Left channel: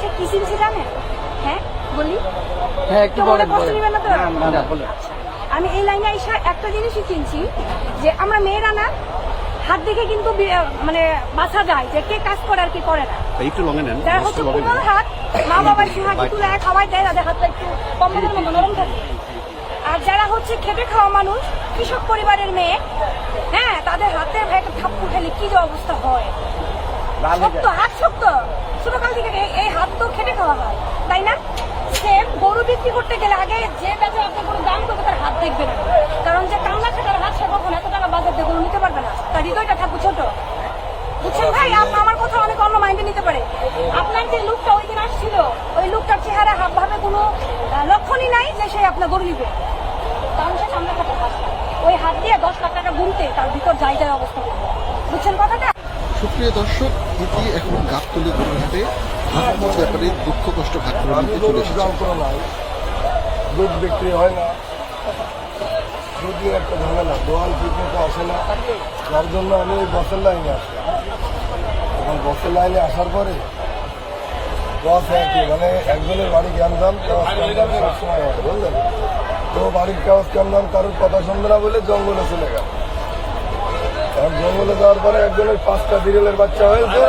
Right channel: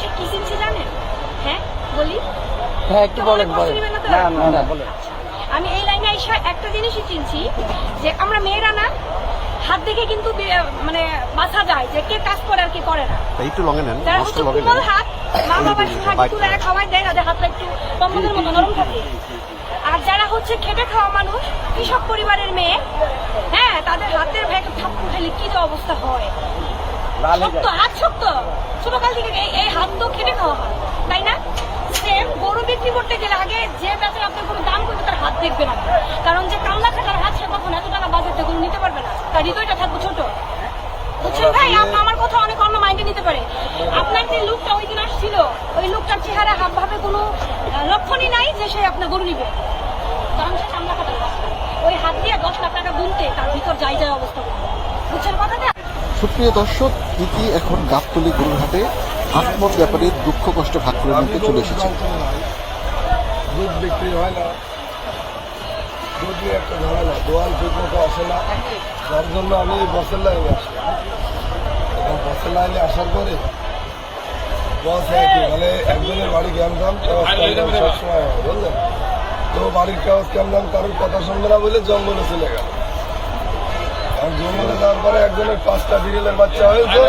এসে কি চিনছি জানেন? হ্যাঁ বলি? হ্যাঁ একটু মনে কষ্ট নিবেন না তো। আচ্ছা। আমি এই লাইনে এসে একটা জিনিসই চিনছি যে আমরা মেয়েরা না হাত দেখে কিন্তু মানে বাঁচা যায় যে কে কাজ করে আর কে করে না। একটু লঙে নেন যারা হচ্ছে কোমল হাত মা বাবার সুহাগি তুলে খাওয়াই দেয় তাদের হাতটা একটু কম্বলের মতো নরম থাকে। আর যারা হচ্ছে খেটে খাওয়া মানুষ কৃষক পরিবারের মেয়ে হ্যাঁ তাদের হাতের ভাই একটা থাপ্পু খেলে কি যে অবস্থা হয়? শক্ত হাত শক্ত। ছোটকাল থেকে এই- হাত তো খেটে খাওয়া হাত তাই না? সেম গরু বিক্রি করতে গেলে আগে যে ব্যাপারে আপনার গরু দাম করবে তার হাত দেখবে না। কারণ যে কান্না খাটার হাত সে কখন এত টাকা বাজার দিয়ে গরু নিতে পারবে না? তার হৃদয়টা থাকবে ছোট। বুঝছেন ভাই? আমার কথা অনেক অন্য মাইন্ডে নিতে পারে। আপনার যে লুকটা ওই দিন আসছিল ওই লুকটার চেহারা ভাবে কোনো লক্ষণই নাই যে সে আপনার গরু নিবে। কারণ সে ওই হাত দিয়ে দশ লাখ টাকা গুনতে তার ভিতর যাই যায় অবস্থা করবে। বুঝছেন কথাটা? সুপ্রিয় দর্শক প্রীতি এখন গাবতলি গরুরহাটে আহমদ ব্যাপারে দুঃখ কষ্ট ভাগ করে নিতে চলে এসেছে। দুধ বিক্রি হয় না। দুধ নিয়ে একটা ঝামেলা দোয়াল ঠিক মতো আসে না। যার জন্য আমি বসের লাইনে আসলাম এবং বসের লাইনে আসার পরে বস একই মানে একজনের বাড়ি কাগজ কামদাম সবসময় হয় বুঝলেন? তো বাড়ির কাগজ কামদাম কারোর কথা শুনবে না বলে জঙ্গলে চলে গেল। আর জঙ্গলে যাওয়ার পরে একজনের পাঁচটা বিড়েলের বাচ্চা হয়েছে।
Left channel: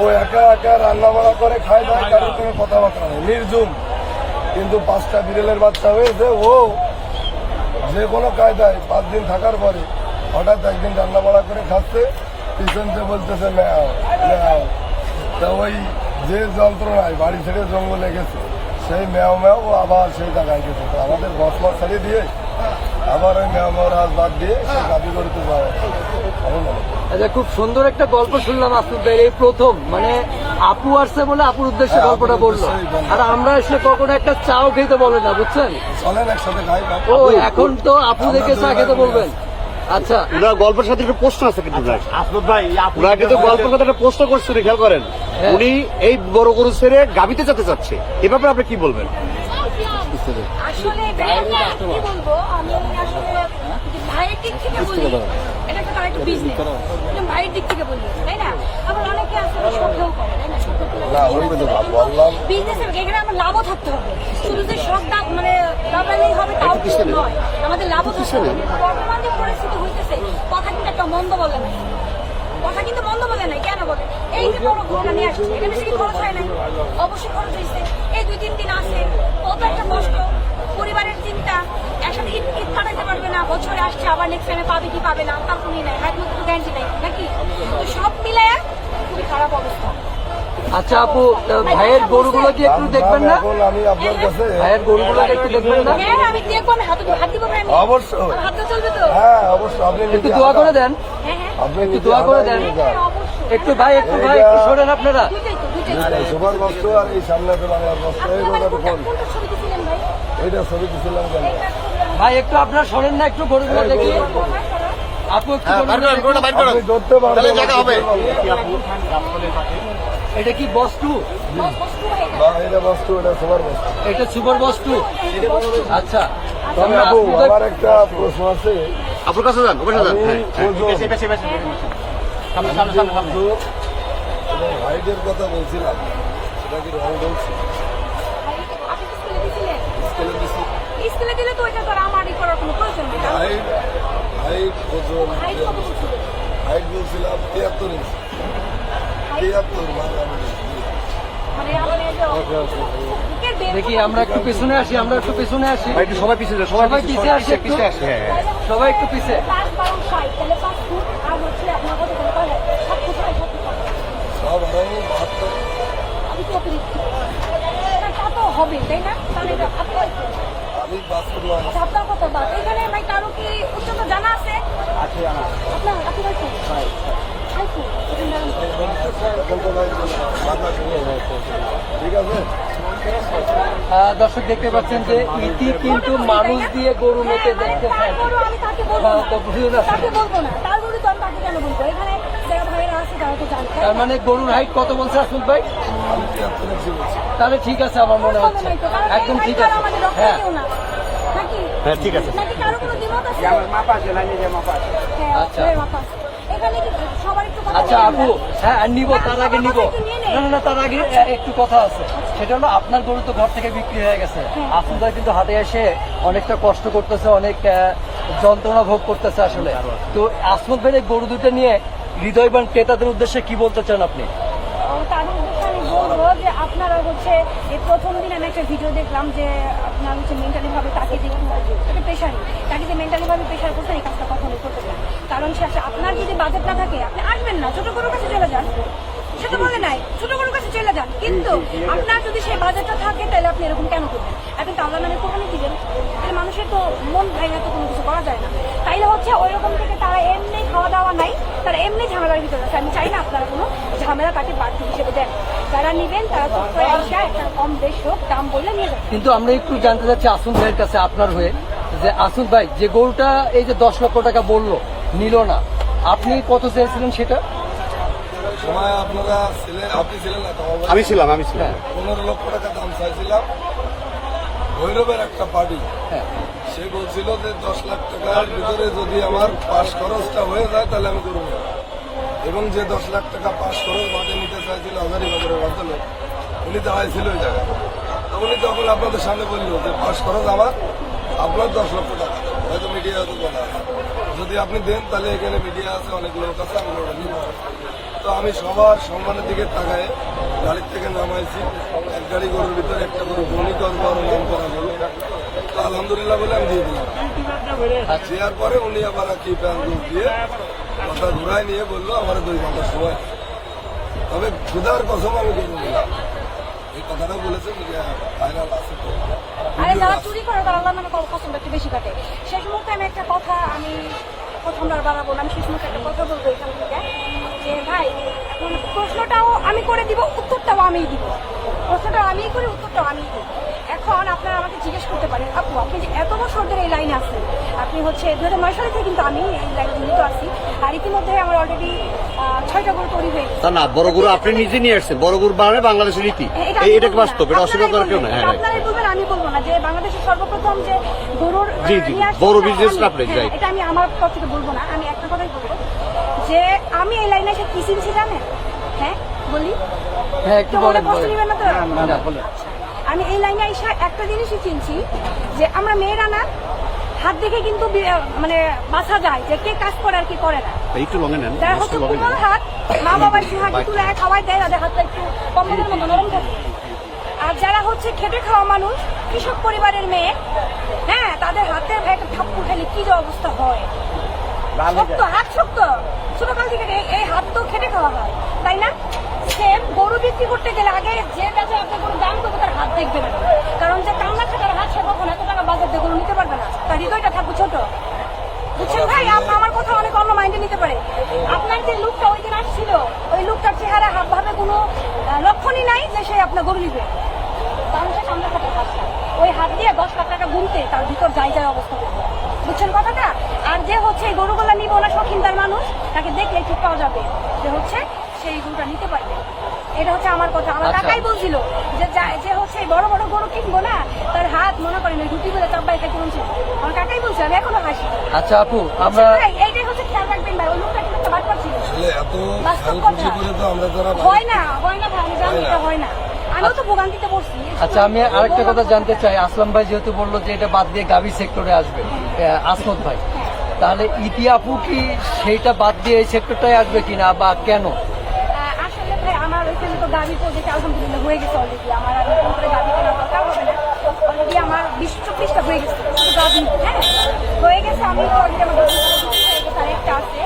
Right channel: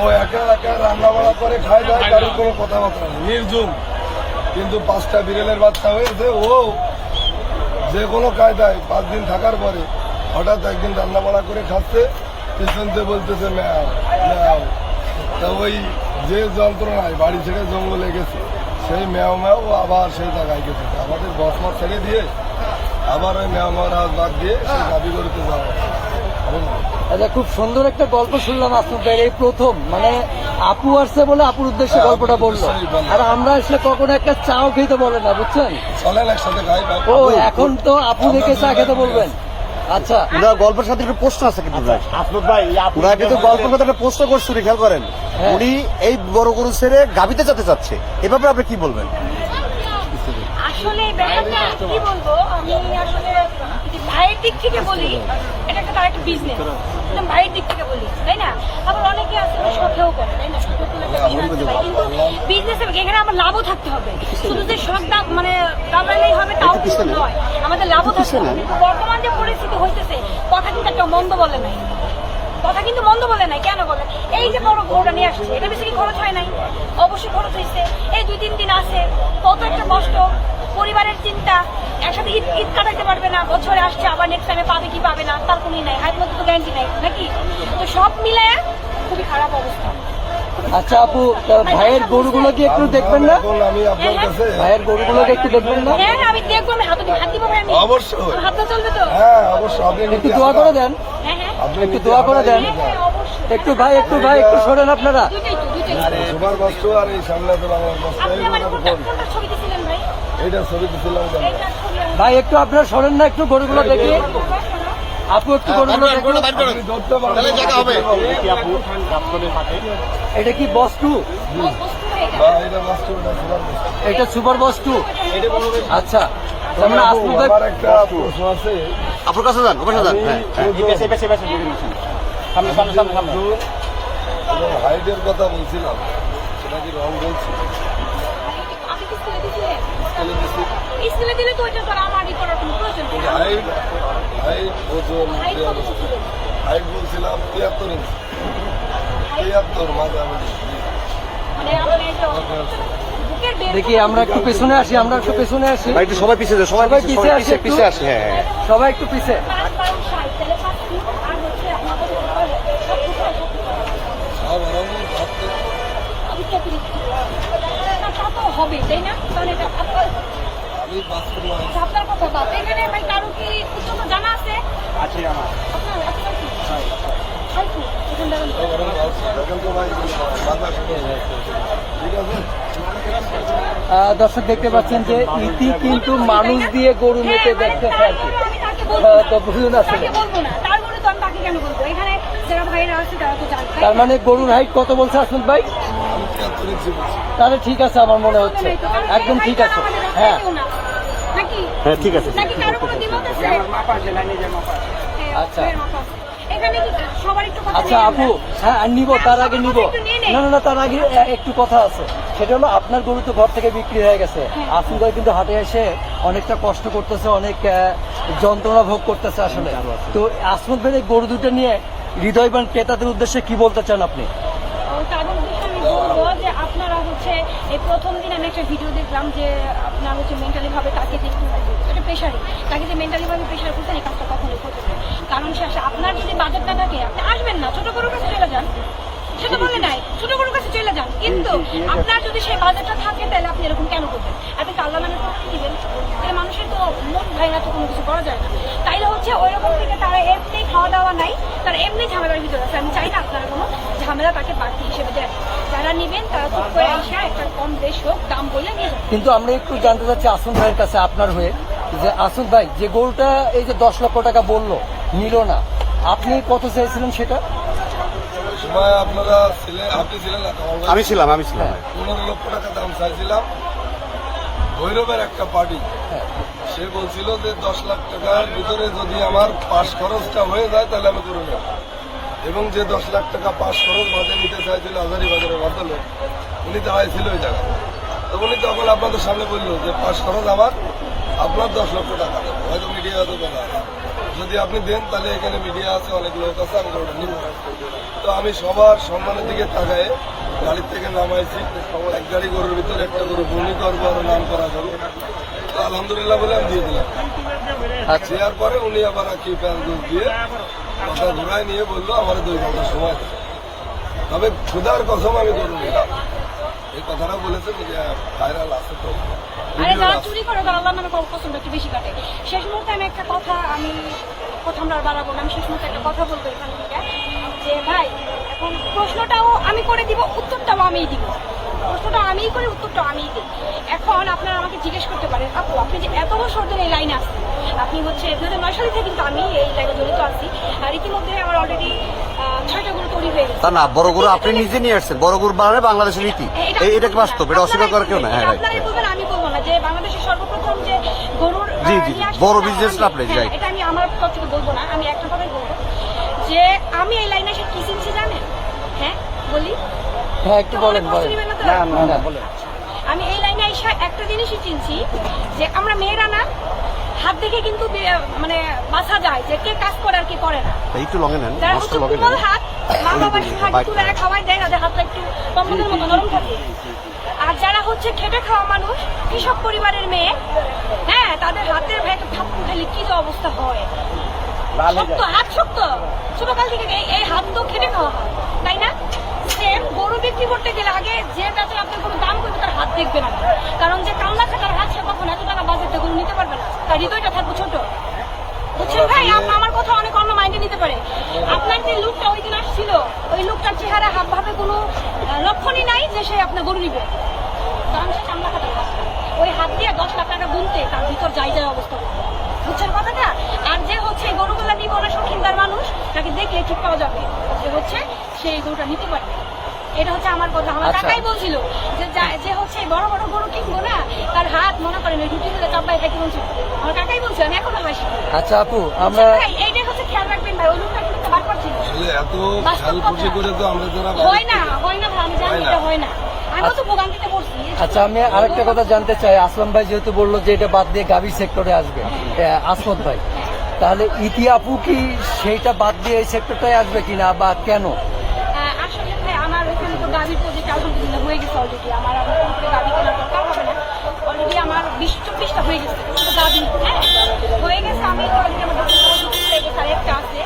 ও একা একা রান্না বাড়া করে খায় দেয় কারোর কোনো কথাবার্তা নেই। নির্জুম কিন্তু পাঁচটা বিড়েলের বাচ্চা হয়েছে, ও যে কোনো কায়দায় পাঁচ দিন থাকার পরে হঠাৎ একদিন রান্না বাড়া করে খাচ্ছে। পিছনতে বলতেছে, ম্যাও ম্যাও। তা ওই যে যন্ত্রণায় বাড়ি ছেড়ে জঙ্গলে গেছে, সেই ম্যাও ম্যাও আবার সেই জায়গায় গেছে। আমাদের বসমা ছেড়ে দিয়ে আবার ওই ম্যাও, ম্যাওর হাত বাদ দিয়ে সে দাবি করতে যাওয়া। আচ্ছা খুব সুন্দর একটা গল্প শুনলাম ভাইয়ের এই প্রথম। মানে আপু আসছে বলে আপুর উদ্দেশ্যে হ্যাঁ, গল্পটা বলল আর আমরা এসে কখনো একটা চাও খেতে বলে না বুঝছেন? চলেন একসাথে খাই ও এখন তো আপু দেখে চা খেতে বলবেন। আচ্ছা। ওনার গল্পের সাথে খুব প্রশ্ন আছে কিন্তু ওরা কিন্তু গল্পের সাথে একটা প্রশ্ন করছে খেয়াল করেন। উনি এই বড় গরু ছেড়ে গাবিতে যেতে চাচ্ছে এ ব্যাপারে আপনি কি বলবেন? আসলে কি বলব? আমি আসলে ভাইয়ের দিক থেকে বলি এটা একটা তার বিজনেস ভাইয়ের দিক থেকে বলি তাই না? আবার অনেকে আসলে শখেও করে তাই না। বিজনেস এখানে আমার লাভও থাকতে হবে। শুধু যে শখ দাম মানে দাবালেই হবে তাও কিন্তু নয়। আমাদের লাভও থাকতে হবে। বর্তমান যে পরিস্থিতি হইতেছে কথা কিন্তু একটা মন্দ বলে নাই। কথা কিন্তু মন্দ বলে নাই কেন বলে? এই যে বড় গরুটা নিয়ে আসছে এটা বেশি কি খরচ হয় নাই? অবশ্যই খরচ হয়েছে এই দুই তিন দিন আসে কত একটা কষ্ট। পরিবারের চিন্তা, একসাথে ঈদ ঈদ কাটাইতে পারবে না, বছরে আসছে, আবার নেক্সট টাইমে পাবে কি পাবে না, তার কোনই নাই, হাইট তো গ্যারান্টি নাই নাকি? তো সব মিলায় খুবই খারাপ অবস্থা। আচ্ছা আপু তা ভাইয়ের গরুগুলোকে একটু দেখবেন না? এখন আমি আপনার কাছে ভাইয়ের গরুগুলোকে একটু দেখবেন না? হ্যাঁ আমি দেখব আমি হাতে হাত দিব ভাই আমি। অবশ্যই। হাতে চলবে তো? হ্যাঁ অবশ্যই আপনি একটু দোয়া করে দেন। হ্যাঁ হ্যাঁ। আপনি একটু দোয়া করে দেন। হ্যাঁ। হ্যাঁ, একটু ভাই একটু ভাই একটু শোনেন আপনারা। তো সুপার আর এই সামনে তো বাংলার বস্তু আপনি এই কথা তো কোন কোনটা ছবি কেন? এইটার ভাই একটু আপনারা শোনেন না একটু গরুগুলো দেখুন বাবা, সরো। আপু একটু গরুগুলো আপনি ধরতে পারবেন। জায়গা হবে। এটা কি বস্তু? বা এটা বস্তু এটা সুপার বস্তু। এটা সুপার আচ্ছা তবে আপু আমার একটা প্রশ্ন আছে। কাছে যান ওখানে যান। হাইটের কথা বলছিলাম সেটা কি রং বলছি আপনি কি স্কুলে দিছিলেন? স্কেলে দিলে তো ওইটা তো আর করার কোনো প্রয়োজন নেই হাইট ওজন হাইট বলছিলাম তিয়াত্তর ইঞ্চি। দেখি আমরা একটু পেছনে আসি আমরা একটু পেছনে আসি। ভাই কি সবাই পিছিয়ে যান, সবাই পিছিয়ে আসে সবাই একটু। পিছিয়ে আসে হ্যাঁ হ্যাঁ। সবাই একটু। পিছে পাঁচ বারো ষাট পাঁচ আর হচ্ছে আপনার কত ফুট কয় হয়? সাত ফুট হয়। সাত ফুট হয় সব আরও বাহাত্তর আমি কত দিচ্ছি না, হবে তাই না আমি বাহাত্তর নয়। আচ্ছা, আপনার কত দাঁত এখানে ভাই কারও কি উচ্চতা জানা আছে? আপনার আপনার কি? হাই ফুট এখানে ঠিক আছে দর্শক দেখতে পাচ্ছেন যে ইতি কিন্তু মানুষ দিয়ে গরু মেপে দেখতে বলব হ্যাঁ, না। তো বুঝলেন আপনি। তাকে বলব না তারপরে তো আমি তাকে কেন বলব এখানে যারা ভাইরা আছে তারা মানে গরুর হাইট কত বলছে আসমিত ভাই তাহলে ঠিক আছে আমার মনে হচ্ছে একদম ঠিক আছে হ্যাঁ হ্যাঁ, ঠিক আছে। আচ্ছা। হ্যাঁ, আচ্ছা আপু হ্যাঁ নিব তার আগে নিব। নে। না না তার আগে একটু কথা আছে। সেটা হলো আপনার গরু তো ঘর থেকে বিক্রি হয়ে গেছে। হ্যাঁ। আসুন ভাই কিন্তু হাটে এসে অনেকটা কষ্ট করতেছে অনেক যন্ত্রণা ভোগ করতেছে আসলে। তো আসমত ভাই গরু দুটো নিয়ে হৃদয়বান ক্রেতাদের উদ্দেশ্যে কি বলতে চান আপনি? ও তাদের উদ্দেশ্যে আমি বলব যে আপনারা হচ্ছে এই প্রথম দিন আমি একটা ভিডিও দেখলাম যে আপনার হচ্ছে মেন্টালি ভাবে তাকে যে একটু প্রেশারই তাকে যে মেন্টালি ভাবে প্রেশার করছেন এই কাজটা কখনোই করবেন না। কারণ সে আপনার যদি বাজেট না থাকে, আপনি আসবেন না। ছোট গরুর কাছে চলে যান। সে তো বলে নাই, ছোট গরুর কাছে চলে যান। কিন্তু আপনার যদি সেই বাজেটটা থাকে, তাহলে আপনি এরকম কেন করবেন? আপনি আল্লাহ নামে কোরবানি দিবেন। তাহলে মানুষের তো মন ভাইরা তো কোনো কিছু করা যায় না। তাইলে হচ্ছে ওই রকম থেকে তারা এমনি খাওয়া দাওয়া নাই। তারা এমনি ঝামেলার ভিতরে আছে। আমি চাই না আপনারা কোনো ঝামেলা তাকে বাড়তি হিসেবে দেন। যারা নিবেন তারা চুপ করে আইসা একটা কম বেশ হোক দাম বললে নিয়ে যাবেন। কিন্তু আমরা একটু জানতে চাচ্ছি আসুন ভাইয়ের কাছে আপনার হয়ে যে আসুন ভাই যে গোলটা এই যে দশ লক্ষ টাকা বলল নিল না। আপনি কত চেয়েছিলেন সেটা? সময় আপনারা ছিলেন আপনি ছিলেন না আমি ছিলাম আমি ছিলাম। পনেরো লক্ষ টাকা দাম চাইছিলাম। ভৈরবের একটা পার্টি হ্যাঁ। সে বলছিল যে দশ লাখ টাকার ভিতরে যদি আমার পাস খরচটা হয়ে যায়, তাহলে আমি করে নেব। এবং যে দশ লাখ টাকা পাস খরচ বাদে নিতে চাইছিল হাজারি বাজারের ভদ্রলোক উনি দাঁড়াইছিল ওই জায়গায়। তো উনি তখন আপনাদের সামনে বলল যে, পাস খরচ আমার, আপনার দশ লক্ষ টাকা দেবো। হয়তো মিডিয়া হয়তো বলা যদি আপনি দেন, তাহলে এখানে মিডিয়া আছে, অনেক লোক আছে, আমি ওটা নিব। তো আমি সবার সম্মানের দিকে তাকায় গাড়ির থেকে নামাইছি। এক গাড়ি গরুর ভিতরে একটা গরু বনি করব আর নাম করা গরু। আলহামদুলিল্লাহ বলে আমি দিয়ে দিলাম। আর দেওয়ার পরে উনি আবার কি প্যান দিয়ে কথা ঘুরায় নিয়ে বলল আমার দুই ঘণ্টা সময় তবে খুদার কসম আমি গরু নিলাম। এই কথাটা বলেছেন যে ভাইরাল আছে তো। আরে যারা চুরি করে তারা নামে কসমটা একটু বেশি কাটে শেষ মুহূর্তে আমি একটা কথা আমি কথা আমরা বাড়াবো না আমি শেষ মুহূর্তে একটা কথা বলব এখান থেকে যে ভাই এখন প্রশ্নটাও আমি করে দিব উত্তরটাও আমিই দিব। প্রশ্নটা আমিই করি উত্তরটা আমিই দিই। এখন আপনারা আমাকে জিজ্ঞেস করতে পারেন আপু আপনি যে এত বছর ধরে এই লাইনে আছেন আপনি হচ্ছে দু হাজার নয় সালে থেকে কিন্তু আমি এই লাইনে জড়িত আছি আর ইতিমধ্যে আমার অলরেডি ছয়টা গরু তৈরি হয়ে গেছে। না বড় গরু আপনি নিজে নিয়ে আসছেন বড় গরু বাংলাদেশের রীতি এটা এই- আমি বলব বাস্তব? না। এটা অস্বীকার করার কেউ না বলবেন, হ্যাঁ আপনারাই বলবেন আমি বলব না যে বাংলাদেশের সর্বপ্রথম যে গরুর আহ, জি, জি, বড় সেটা আপনি, হ্যাঁ, এটা আমি আমার পক্ষ থেকে বলব না আমি একটা কথাই বলব যে আমি এই লাইনে এসে কি চিনছি জানেন? হ্যাঁ বলি। হ্যাঁ মনে কষ্ট নিবেন না তো? না, না, বলেন। আমি এই লাইনে এসে একটা জিনিসই চিনছি যে আমরা মেয়েরা না হাত দেখে কিন্তু মানে বাঁচা যায় যে কে কাজ করে আর কে করে না। এই তো লঙে নেন যারা হচ্ছে কোমল হাত মা বাবার সুহাগি তুলে খাওয়াই দেয় তাদের হাতটা একটু কম্বলের মতো নরম থাকে। আর যারা হচ্ছে খেটে খাওয়া মানুষ কৃষক পরিবারের মেয়ে হ্যাঁ তাদের হাতের ভাই একটা থাপ্পু খেলে কি যে অবস্থা হয়? শক্ত হাত শক্ত। ছোটকাল থেকে এই- হাত তো খেটে খাওয়া হাত তাই না? বিক্রি করতে গেলে আগে যে কাজে আপনার কোনো দাম করবে তার হাত দেখবে না কারণ যে কান্না খাটার হাত সে কখন এত টাকা বাজার দিয়ে গরু নিতে পারবে না। তার হৃদয়টা থাকবে ছোট। বুঝছেন ভাই? আমার কথা অনেক অন্য মাইন্ডে নিতে পারে। আপনার যে লুকটা ওই দিন আসছিল ওই লুকটার চেহারা হাব ভাবে কোনো আহ, লক্ষণই নাই যে সে আপনার গরু নিবে। কারণ সে কামলা খাটার হাতটা। ওই হাত দিয়ে দশ লাখ টাকা গুনতে তার ভিতর যাই যায় অবস্থা করবে। বুঝছেন কথাটা? আর যে হচ্ছে এই গরুগুলা নিবে ওনার শৌখিনদার মানুষ তাকে দেখলে ঠিক পাওয়া যাবে যে হচ্ছে সে এই গরুটা নিতে পারবে এটা হচ্ছে আমার কথা। আমার কাকাই বলছিল যে যে হচ্ছে বড় বড় গরু কিনবো না তার হাত মনে করেন ওই রুটি করে চাপ্পায় খাইতে বলছিল আমার কাকাই বলছিল আমি এখনও হাসি। আচ্ছা আপু আমরা ভাই এইটাই হচ্ছে খেয়াল রাখবেন ভাই ওই লোকটা কিন্তু একটা বাটপার ছিল। এত খেয়াল খুশি কথা। করে তো আমরা যারা হয় না হয় না ভাই আমি জানি এটা হয় না। আমিও তো ভোগান্তিতে পড়ছি। আচ্ছা আমি আরেকটা কথা জানতে চাই। আসলাম ভাই যেহেতু বলল যে এটা বাদ দিয়ে গাভী সেক্টরে আসবে। আসলাম ভাই। তাহলে ইতি আপু কি সেইটা বাদ দিয়ে এই সেক্টরটাই আসবে কিনা বা কেন? আসলে ভাই, আমার ওইখানে তো গাভি প্রজেক্ট আলহামদুলিল্লাহ হয়ে গেছে অলরেডি আমার আর নতুন করে গাভি কেনার দরকার হবে না। অলরেডি আমার বিশ চব্বিশটা হয়ে গেছে। শুধু গাভি হ্যাঁ? হয়ে গেছে, আমি তো অলরেডি আমার দোকান হয়ে গেছে, আর আছে।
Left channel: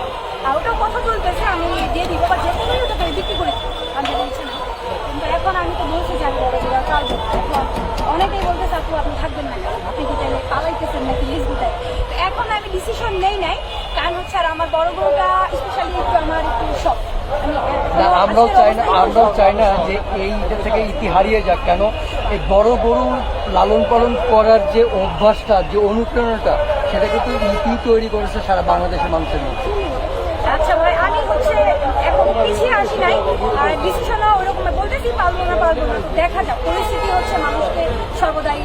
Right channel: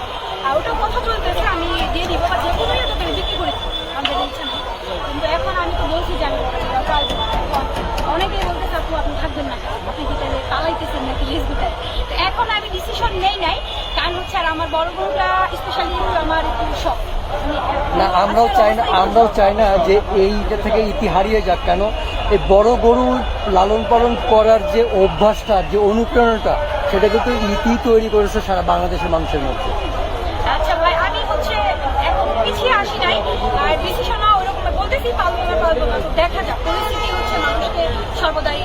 আর ওটাও কথা চলতেছে আমি দিয়ে দিব বা যে কোনোই ওটাকে আমি বিক্রি করেছি। আমাদের ইচ্ছা নেই কিন্তু এখন আমি তো বলছি যে আমি বড় বড় চালবো না। এখন অনেকেই বলতেছে, আপু, আপনি থাকবেন না কেন? আপনি দিতে পালাইতেছেন নাকি লিজ তো এখন আমি ডিসিশন নেই নাই। কারণ হচ্ছে আর আমার বড় বড়টা স্পেশালি একটু আমার একটু শখ। না আমরাও চাই না আমরাও চাই না যে এইটা থেকে ইতি হারিয়ে যাক। কেন? এই বড় গরু লালন পালন করার যে অভ্যাসটা যে অনুপ্রেরণাটা সেটা কিন্তু ইতি তৈরি করেছে সারা বাংলাদেশের মানুষের মধ্যে। আচ্ছা ভাই আমি হচ্ছে এখনও পিছিয়ে আসি নাই। আর ডিসিশনও ওরকম বলতেছি পারব না পারব না। দেখা যাক। পরিস্থিতি হচ্ছে মানুষকে সর্বদাই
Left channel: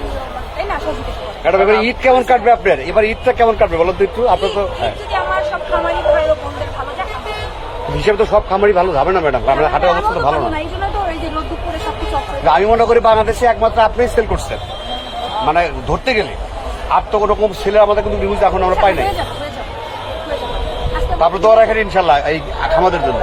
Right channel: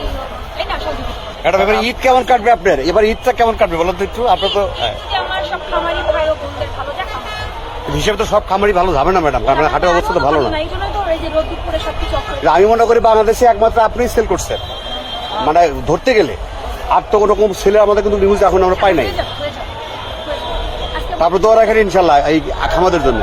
তাই না সহযোগিতা ম্যাডাম এবার ঈদ কেমন কাটবে আপনার? এবার ঈদটা কেমন কাটবে বলেন তো একটু? আপনার তো যদি আমার সব খামারি ভাই ও বোনদের ভালো যাক হিসাবে তো সব খামারই ভালো যাবে না ম্যাডাম কারণ হাটের অবস্থা তো ভালো না না আমি মনে করি বাংলাদেশে একমাত্র আপনি সেল করছেন। মানে ধরতে গেলে আপ তো কোনো সেলে আমাদের কিন্তু নিউজ এখন আমরা পাই হয়ে যাবে আজকে তারপর তো ওরা এখানে ইনশাল্লাহ এই খামাদের জন্য।